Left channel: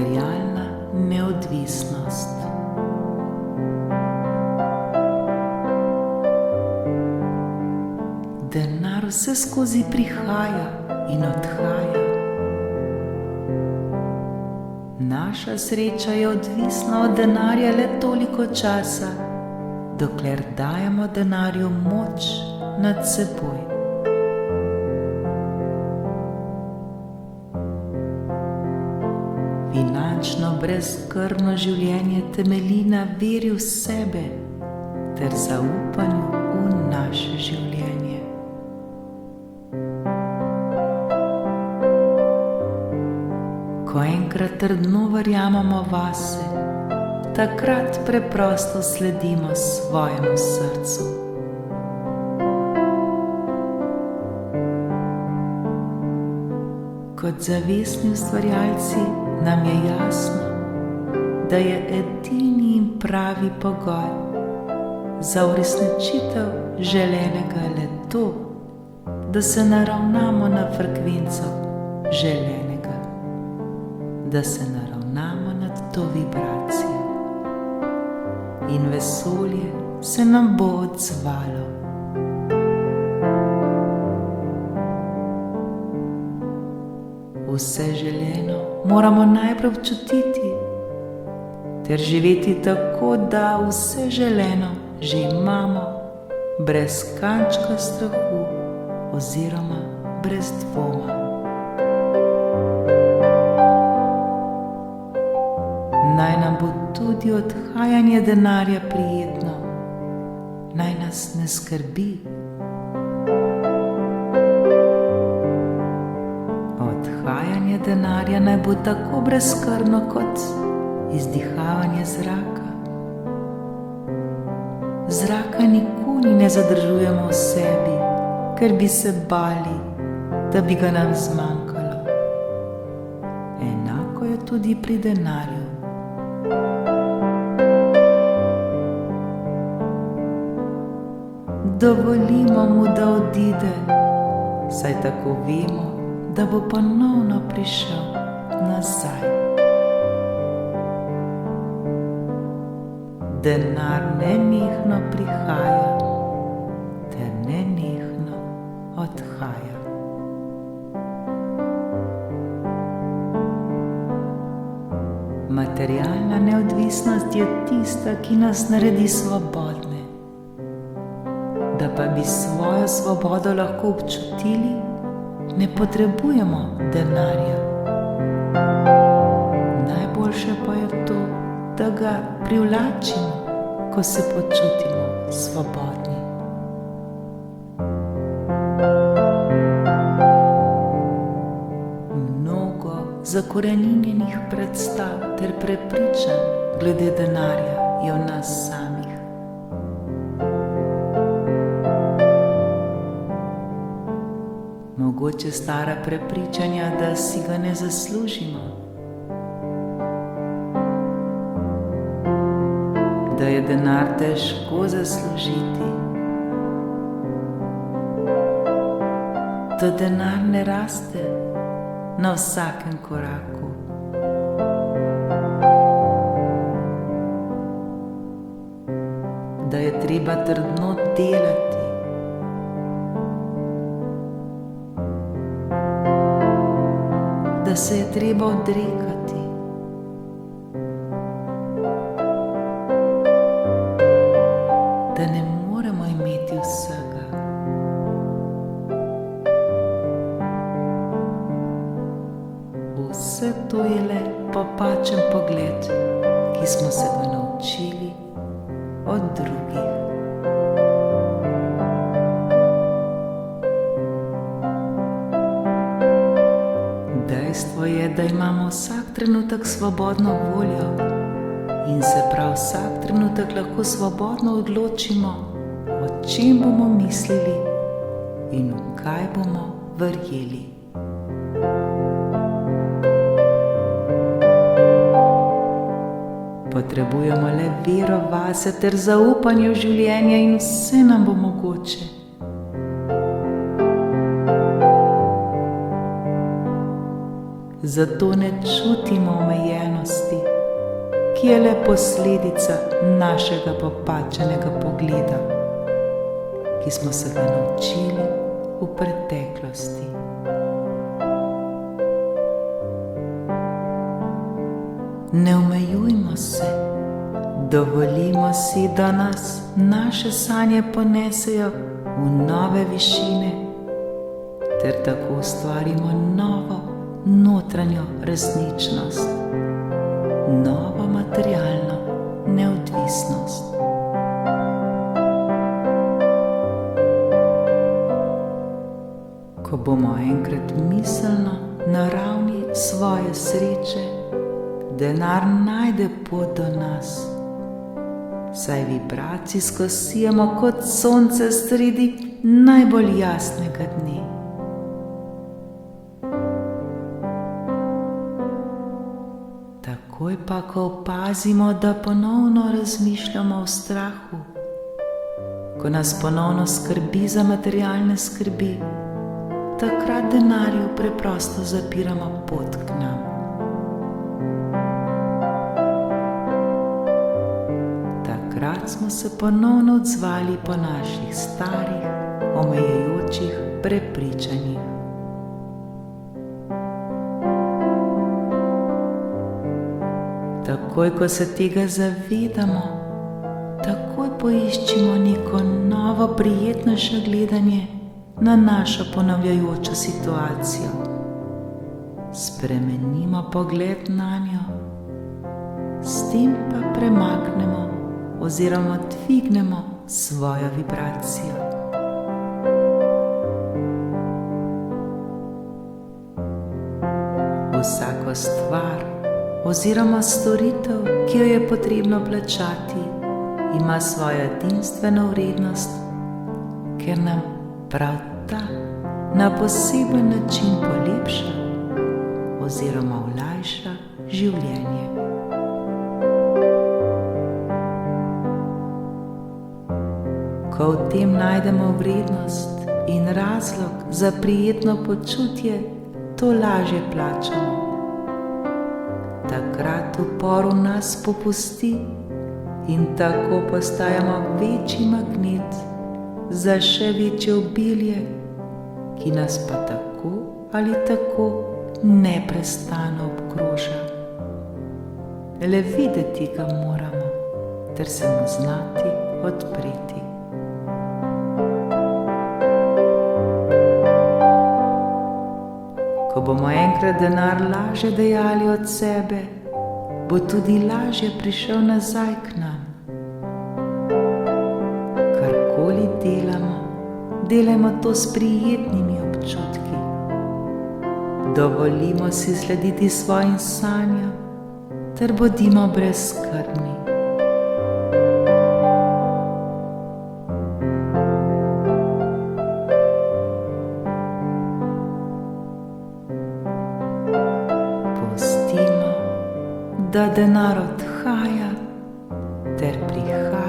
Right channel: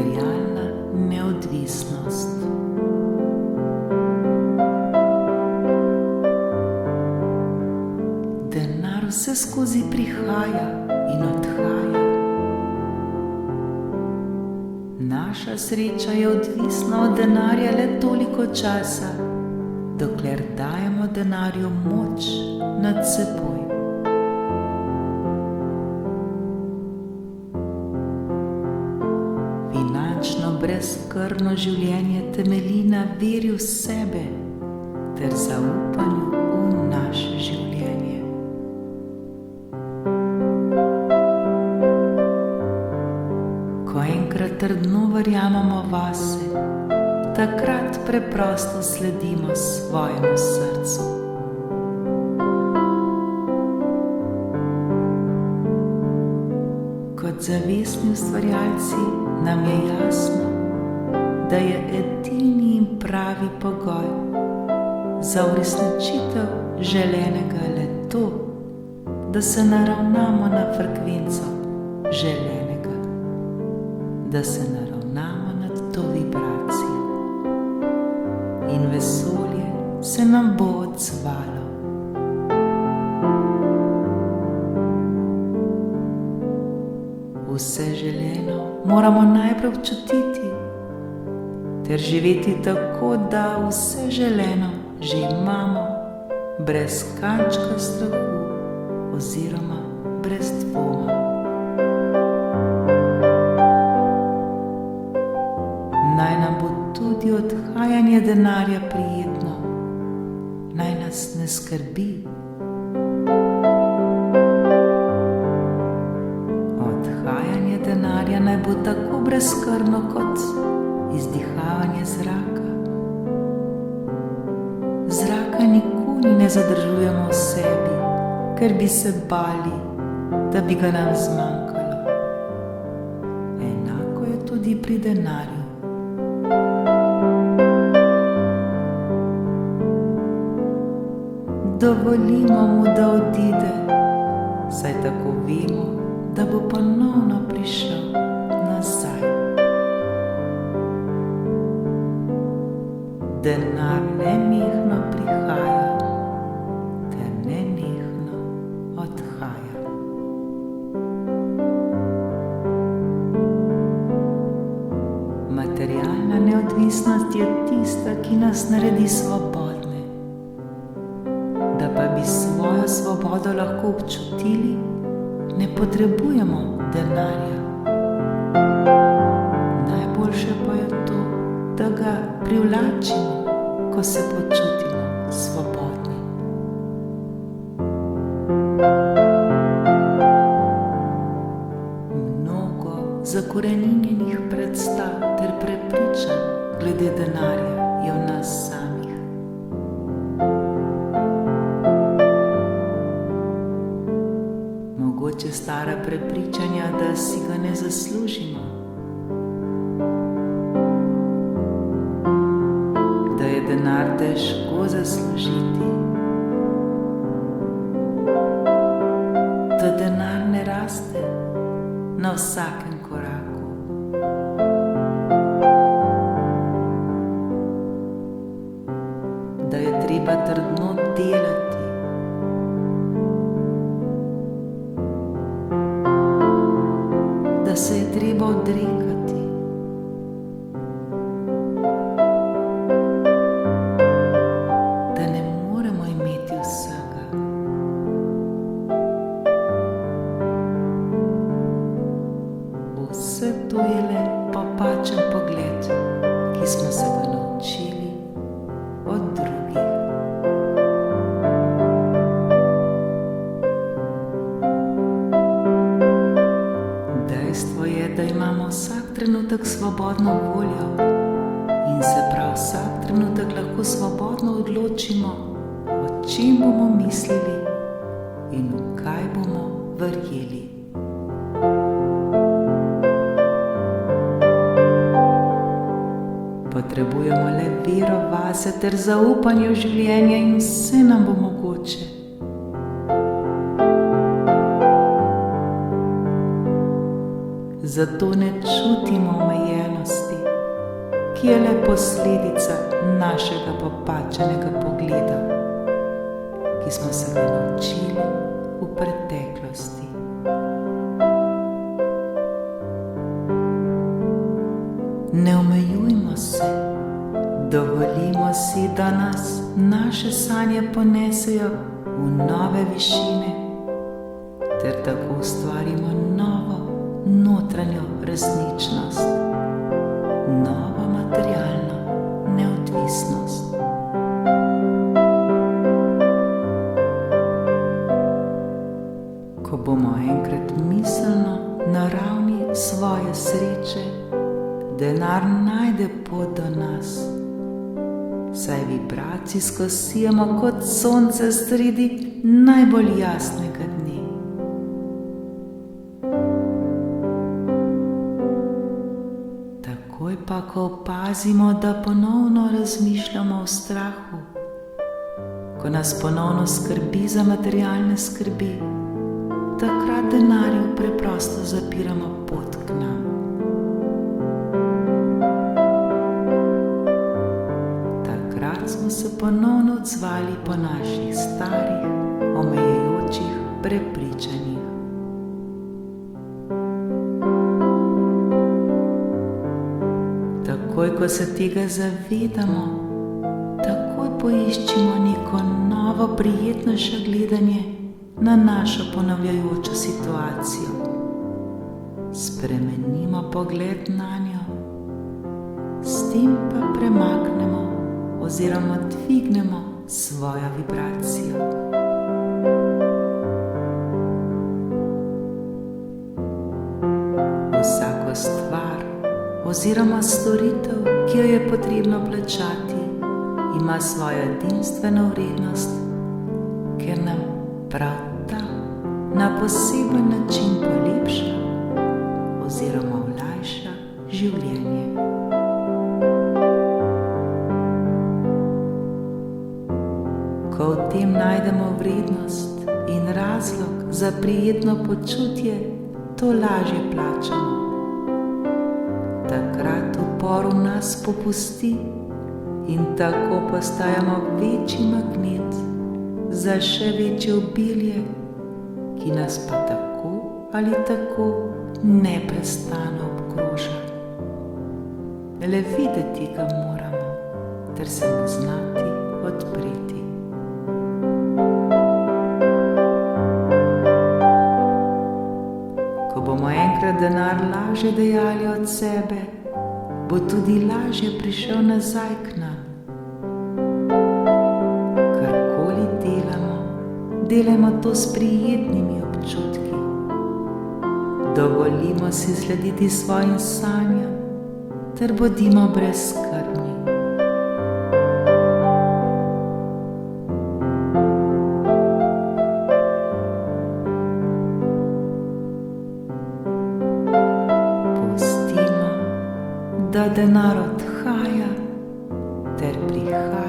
Materialna neodvisnost. Denar vse skozi prihaja in odhaja. Naša sreča je odvisna od denarja le toliko časa, dokler dajemo denarju moč nad seboj. Finančno brezskrbno življenje temelji na veri v sebe ter zaupanju v naše življenje. Ko enkrat trdno verjamemo vase, takrat preprosto sledimo svojemu srcu. Kot zavestni ustvarjalci nam je jasno, da je edini in pravi pogoj za uresničitev želenega le to, da se naravnamo na frekvenco želenega, da se naravnamo nad to vibracijo in vesolje se nam bo odzvalo. Vse želeno moramo najprej občutiti ter živeti tako, da vse želeno že imamo, brez kančka strahu oziroma brez dvoma. Naj nam bo tudi odhajanje denarja prijetno, naj nas ne skrbi. Odhajanje denarja naj bo tako brezskrbno kot izdihavanje zraka. Zraka nikoli ne zadržujemo v sebi, ker bi se bali, da bi ga nam zmanjkalo. Enako je tudi pri denarju. Dovolimo mu, da odide, saj tako vemo, da bo ponovno prišel nazaj. Denar nenehno prihaja ter nenehno odhaja. Materialna neodvisnost je tista, ki nas naredi svobodne. Da pa bi svojo svobodo lahko občutili, ne potrebujemo denarja. Najboljše pa je to, da ga privlačimo, ko se počutimo svobodni. Mnogo zakoreninjenih predstav ter prepričanj glede denarja je v nas samih. Mogoče stara prepričanja, da si ga ne zaslužimo, da je denar težko zaslužiti, da denar ne raste na vsakem koraku, da je treba trdno delati, da se je treba odrekati, da ne moremo imeti vsega. Vse to je le popačen pogled, ki smo se ga naučili od drugih. Dejstvo je, da imamo vsak trenutek svobodno voljo in se prav vsak trenutek lahko svobodno odločimo, o čem bomo mislili in v kaj bomo verjeli. Potrebujemo le vero vase ter zaupanje v življenje in vse nam bo mogoče. zato ne čutimo omejenosti, ki je le posledica našega popačenega pogleda, ki smo se ga naučili v preteklosti. Ne omejujmo se, dovolimo si, da nas naše sanje ponesejo v nove višine, ter tako ustvarimo novo notranjo resničnost, novo materialno neodvisnost. Ko bomo enkrat miselno na ravni svoje sreče, denar najde pot do nas, saj vibracijsko sijamo kot sonce sredi najbolj jasnega dne. Takoj pa, ko opazimo, da ponovno razmišljamo o strahu, ko nas ponovno skrbi za materialne skrbi, takrat denarju preprosto zapiramo pot k nam. Takrat smo se ponovno odzvali po naših starih, omejujočih prepričanjih. Takoj, ko se tega zavedamo, takoj poiščimo neko novo, prijetnejše gledanje na našo ponavljajočo situacijo. Spremenimo pogled nanjo, s tem pa premaknemo oziroma dvignemo svojo vibracijo. Vsako stvar oziroma storitev, ki jo je potrebno plačati, ima svojo edinstveno vrednost, ker nam prav ta na poseben način polepša oziroma olajša življenje. Ko v tem najdemo vrednost in razlog za prijetno počutje, to lažje plačamo. Takrat upor v nas popusti in tako postajamo večji magnet za še večje obilje, ki nas pa tako ali tako neprestano obkroža. Le videti ga moramo, ter se mu znati odpreti. Ko bomo enkrat denar lažje dajali od sebe, bo tudi lažje prišel nazaj k nam. Karkoli delamo, delajmo to s prijetnimi občutki. Dovolimo si slediti svojim sanjam, ter bodimo brezskrbni. Pustimo, da denar odhaja ter prihaja